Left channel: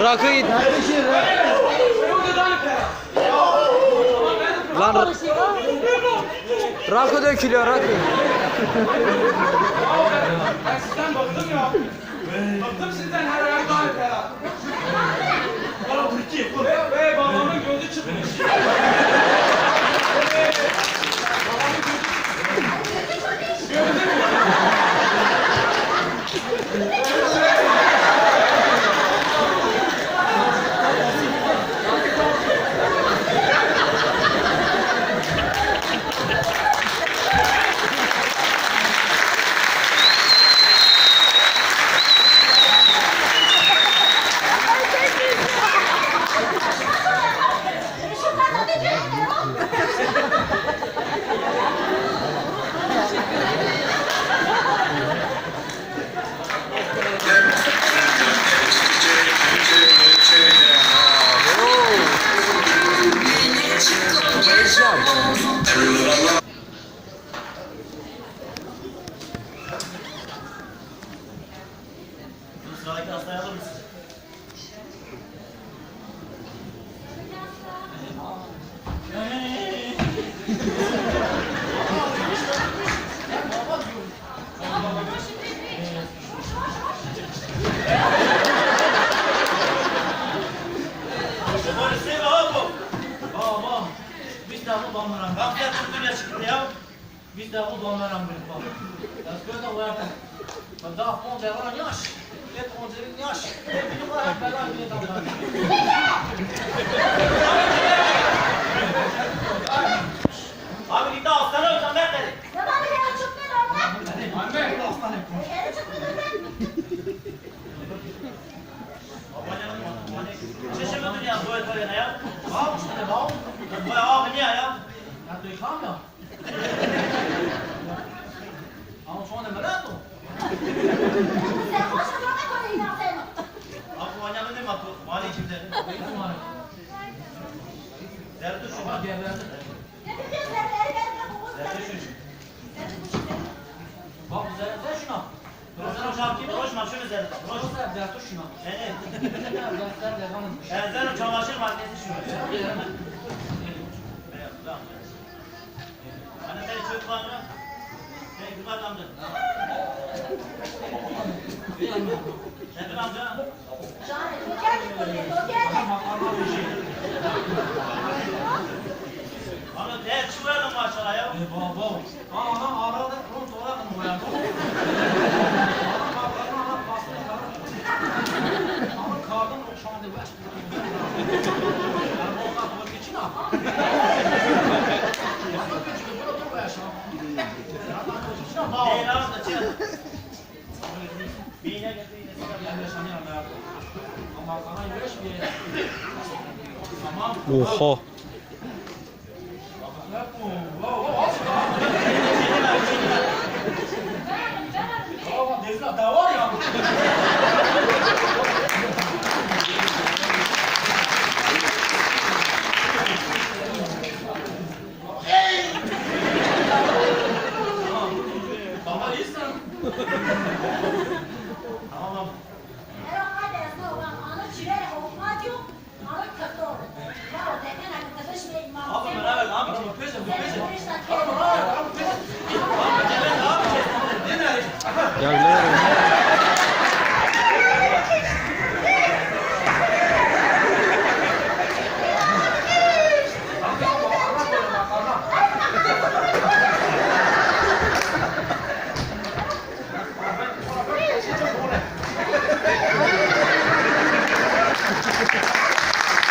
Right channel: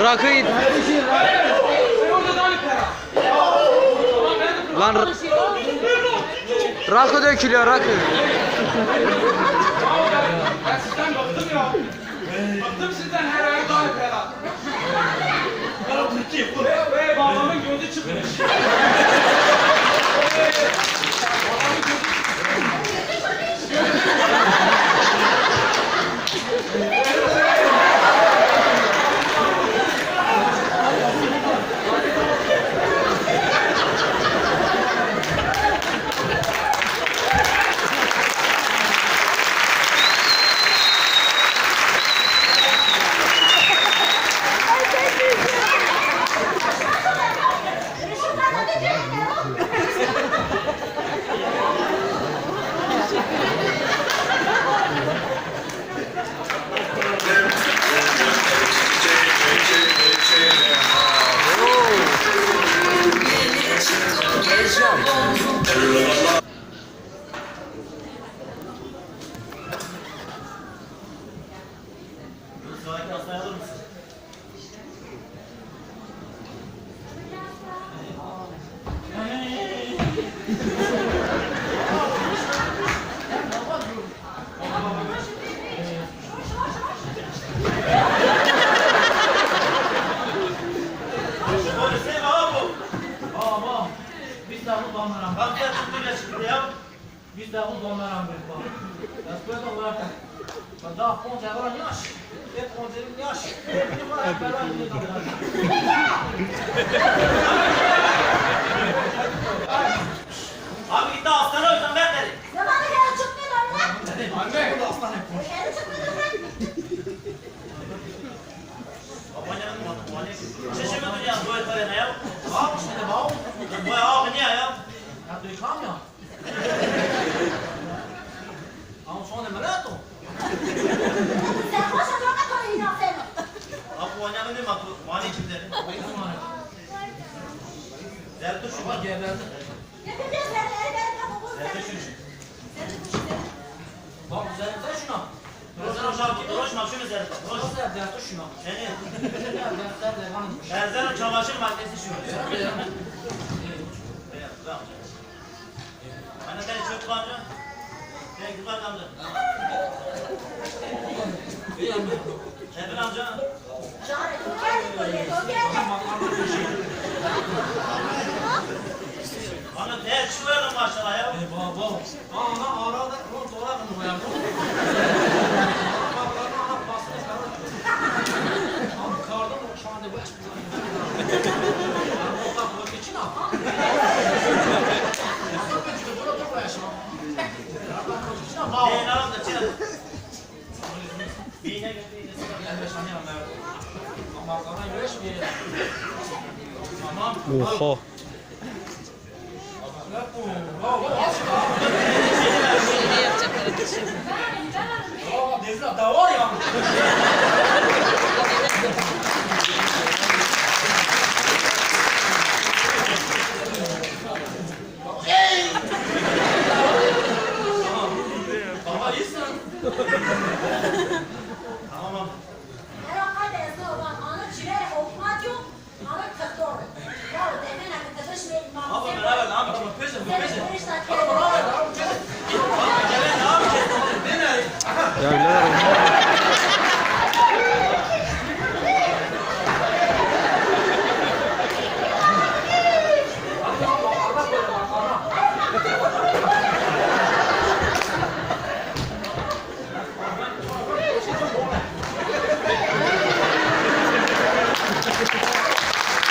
Rakı lan rakı dökülüyor rakı. Bıktım sizden her ay daha ferah. Bana Türkiye bu. Ve babamın gözü çıkmış. Babamın gözü Sıradaki hastayı alır mısın? Polise baba. Baba. Biz de bu bandıran. Kalkacak çıktı çıktı ya. Biz de bu bandıran bir baba. Después de jugar. Da ponte agora nyash. Et ponte nyash. Benim var hep beraber bir tamam. Abi gitti hastane hocam ben dedi. Zamanı gel çıktı lan. Anne. Bu hastane. Gel çıktı lan. Abanyanın muhatı. Şişe mi dünya bu etmeye ne ya? Bak işte ne bak. Bu ya niye ya? Ya duykam ya. Ama sonra ne meleto? Sen koş otur da koy inan sen. Abi bu abanyanın ne matı? Mani kimde? Benim mani. Derdi şu bak geberdi. Getireceğiz seni ellerine kokun Derdi seni. şu. Sen de bu şey. Bak güzel sen şuna. Rozan hocam ki roş mapşın üzerinde. Roş da derdi şuna. Seni. Erzen o çamaşır makinesi şu. Tamam. Anne sen çöp var mı? Ne güzel amca. Sevil amca. Şahane. Gel. Anne değer çıkıyordun maşallah ya. Baba. Ana arada onu torak mı koyar? Ana bakarına ana basını çıkarır. Ana kardan o şu anda bu yaş. Ana bu kadar koydu için ha. Nasıl bir çıkıyor? Dur bu yaş ha. Yardım koydu için ha. Bağ. Ne lan da çel. Bine geldi yine sıra geldi sani anlar. Ama kana yürüyüş bir. Tamam. Oha. Da var ya. Baba iyisin. Tamam. Era kayda olan ana çilere okmaz yok. Ana kırdı. Ya o demen akı kızış bir imam. Abi beraber ne yapacağız? Pese bu pese. Abi beraber ne yapacağız? Abi gelen ne yapacağız? Ne ne? Ya birader